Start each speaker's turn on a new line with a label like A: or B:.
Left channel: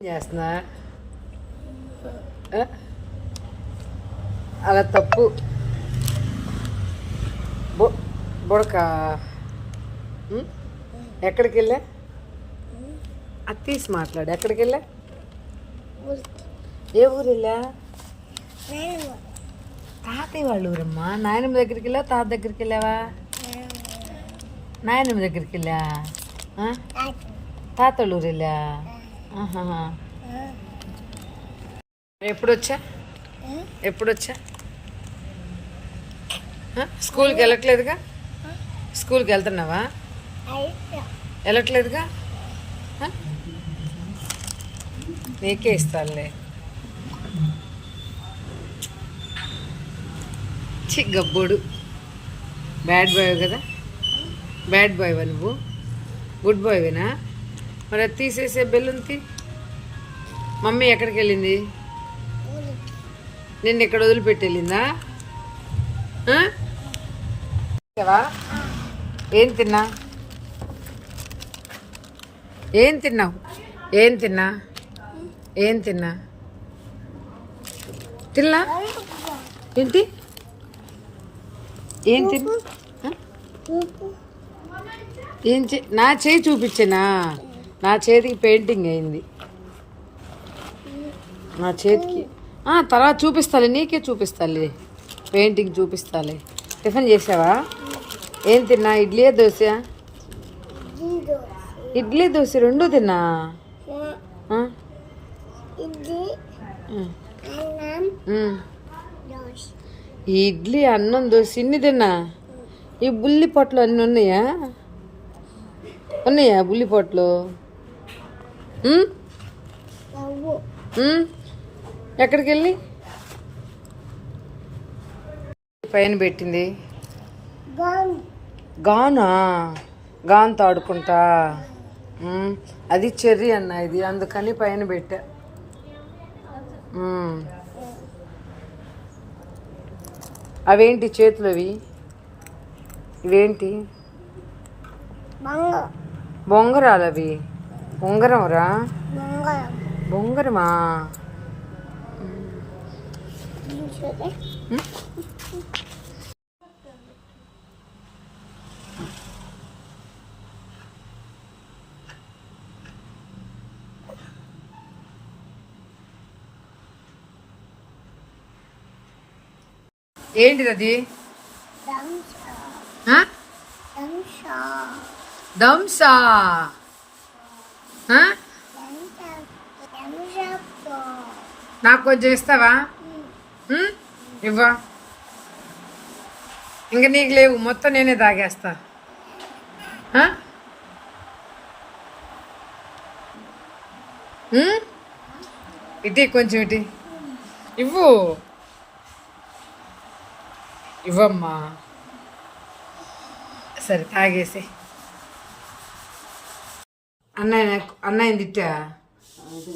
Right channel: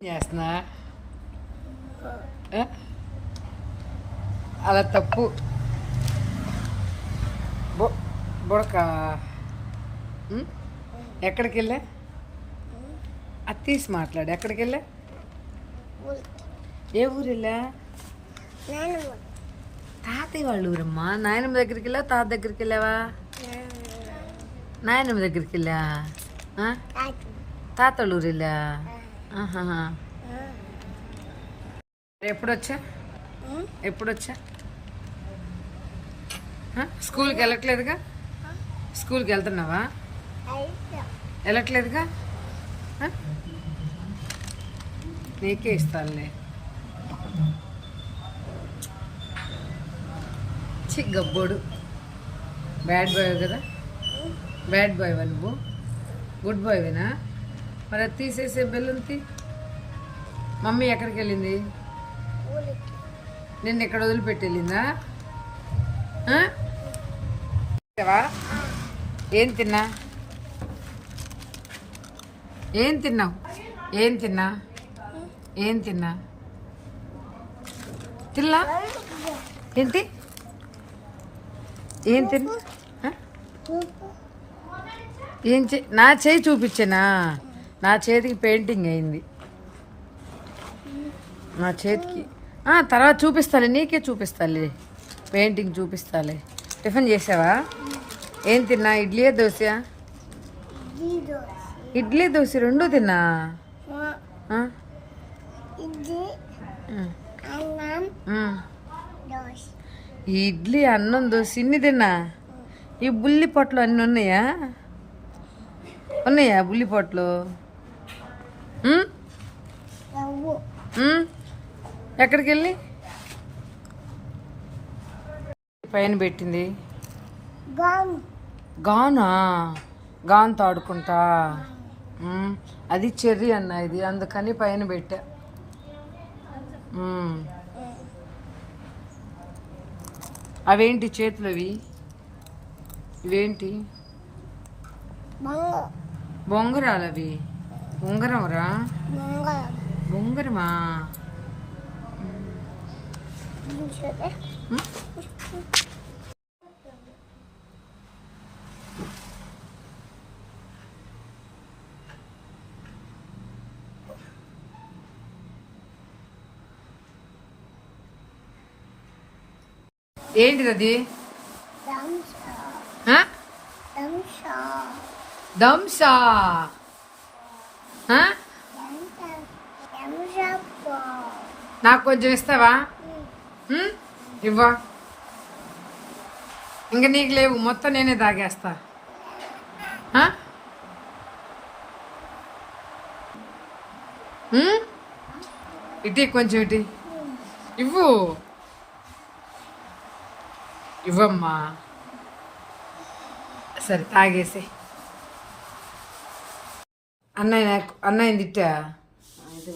A: చేస్తున్నా? అలా తప్పు బుడక? ఎక్కడికి వెళ్ళా అది తీసి మాట్లాడు. ఎక్కడికి వెళ్ళా ఏ ఊరు వెళ్ళా తాతయ్య వాళ్ళ ఊరమ్మా? నాయనమ్మ దగ్గరికి వెళ్ళా తాత దగ్గరికి వెళ్ళావా నాయనమ్మ దగ్గరికి వెళ్ళా? తాత వాళ్ళ ఊరు వెళ్ళా. ఎప్పుడు వచ్చా ఎప్పుడు వచ్చా స్కూల్కి వెళ్ళట్లేదుగా? స్కూల్కి వెళ్తున్నావా? వెళ్ళట్లేదుగా? నీకే ఇస్తానులే. చి గబ్బోడు. బ్యాడ్ బాయ్ కదా? బ్యాడ్ బాయ్ నువ్వు? గుడ్ బాయ్వేనా మరి అది తీసేసే బెల్లుంతి మమ్మీ ఎక్కడికి వెళ్ళింది? నిన్ను ఇక్కడ వదిలిపెట్టి వెళ్ళిందా? ఏం తిన్నా? ఏం తిన్నావు? ఏం తిన్నా? ఏం తిన్నా? తిన్నా? ఏంటి? ఏం తిన్నా? ఏం చే నా చేయి చూపించనా? నా చేతికి పెయింటింగ్ అయింది. నా చేతికి. తర్వాత చూపిస్తాలే నీకే చూపిస్తాలే. పెయింటింగ్ చూపిస్తాలే. టిఫిన్ చేసావా? ఏం తిన్నా? ఇడ్లీ దోశ? ఇడ్లీ దోశ రెండు తిన్నా? ఇడ్లీ అన్నం దోశ ఇన్ని తిన్నా? ఈ బుల్లి పొట్లు అన్నీ ఉన్నాయా? ఉన్నాయా బుల్లి పొట్లు? ఎక్కడికి వెళ్ళి పైన పెట్టింది. గానా. గాన్తో ఆడుకుంటా. అది చెర్రీ అన్న ఇది అందుకని పైన పెట్టా. అవేంటి చేతులు అవి? ఇవేంటి? బొంగరాలు అవి? ఉంగరం రా బొంగరమా ఉమ్? ఏంటిది అది ఆ? దంసా నాకు కొంచెం ఇస్తావా? ఇవ్వా. ఇంకా నీకు లేవు. మొత్తం నేనే తాగేస్తా. ఇటీ కొంచెం ఇటీ. ఇవ్వు. ఇవ్వమ్మా. సరే తాగేసి అన్నయ్య అన్నయ్య తిట్టా?